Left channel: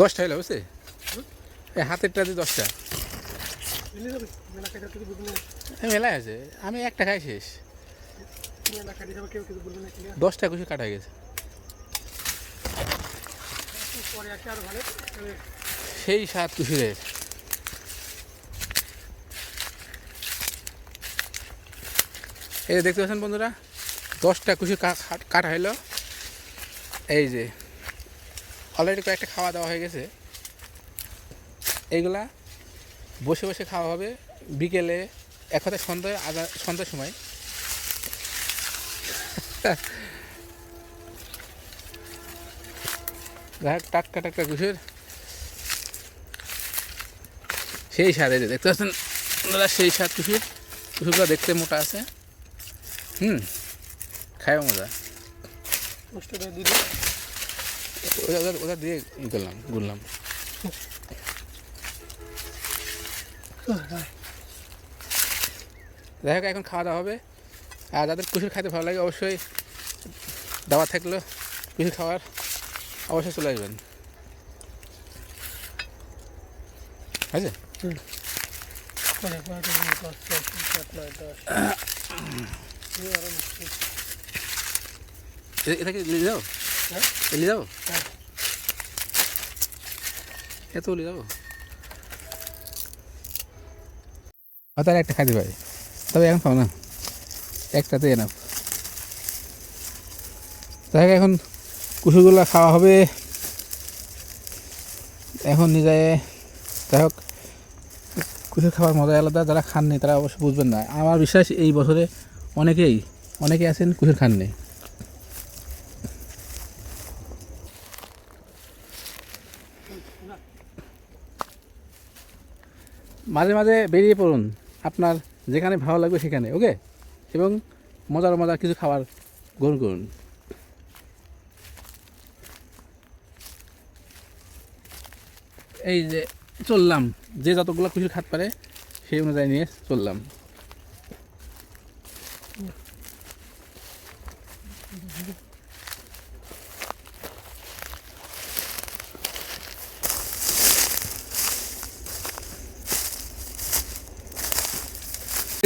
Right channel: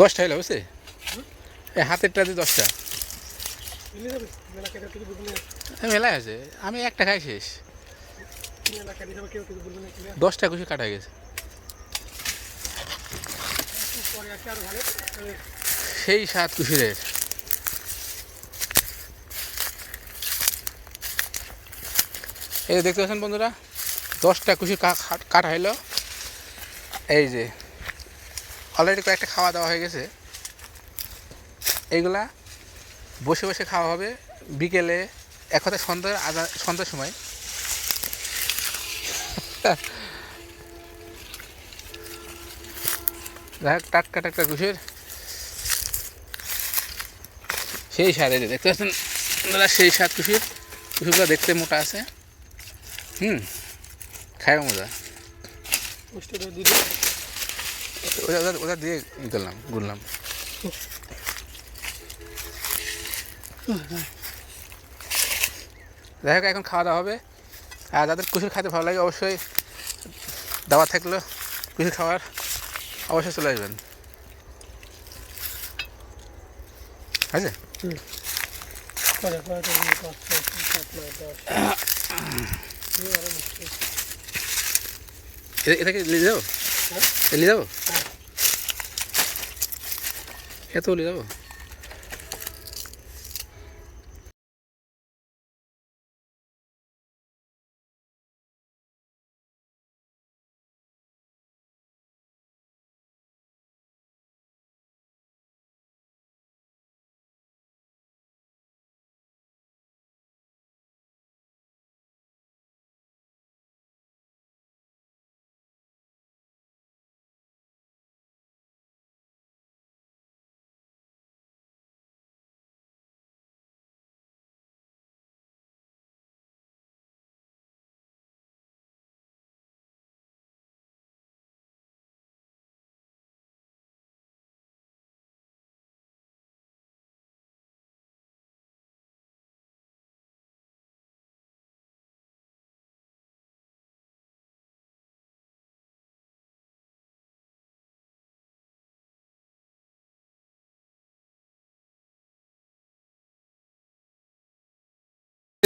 10টা হলো বুঝছে, এই হাতেরটাতে 10টা মেলায় আছে। আমি একটা খাই শেষ, 10টা কুশি কাটা হয়ে গেছে। সেই স্বাদ কুশিরের। এই যে দেখতে পাচ্ছেন বন্ধুরা, 10টা কুশি কাটা হইলো। এই যে অলরেডি কয়েকটা খাওয়া দাওয়া হয়ে গেছে। এইগুলা বসে বসে খাওয়া হবে বিকেলে, এক কথায় সন্ধ্যার সময়। টাটকা টাটকা কুশির সেই স্বাদ। এই যে দেখতে পাচ্ছেন বন্ধুরা, সেই স্বাদ কুশিরগুলো দেখতে মোটা আছে। খায় মজা। ওটা দিয়ে ঘুরলাম। যাই হোক, এখন খাওয়া দাওয়া হবে। আর যাদের কুশির খাইতে ভালো লাগে অবশ্যই দাওয়া থাকলো কুশির খাওয়ার, অবশ্যই চলে আসবেন। আছে এটাকে নিয়ে যাবো, নিয়ে যাবো, এত নিয়ে যাবো। তাহলে একটা খাইতে পারি, তবে এখন খাও না, একটাতে না। যাই হোক, এখন কুসুরগুলো খাওয়া হবে এখন নিজে। যাই হোক, কুসুর খাওয়ার মজা আলাদা, যারা খাননি তারা অবশ্যই বুঝবেন না। আমার বিশ্বাস এই বছরে অনেকেই আছেন কুসুর খাননি। মাঝে মাঝে বেরিয়ে পড়ুন, আপনার যেখানে ভালো লাগবে সেখানে, ওকে, এবং মজার কিছু খাবার গ্রহণ করুন। এই যে চললাম, যে যতগুলো কুশির খাত পারে সেই অনুযায়ী নিয়ে চললাম।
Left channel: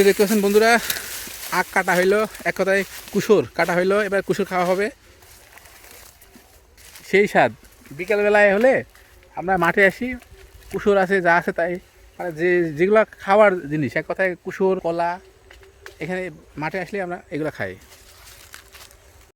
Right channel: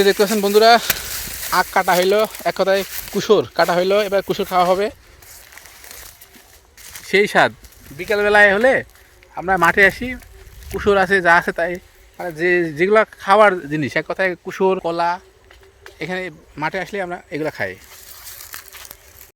দেখতে পাচ্ছেন বন্ধুরা, আখ কাটা হইলো, এক কথায় কুসুর কাটা হইলো। এবার কুসুর খাওয়া হবে, সেই স্বাদ। বিকালবেলায় হলে আমরা মাঠে আসি, কুসুর আছে যা আছে তাই, মানে যেগুলো খাওয়ার জিনিস, এক কথায় কুসুর কলা, এখানে মাঠে আসলে আমরা এগুলো খাই।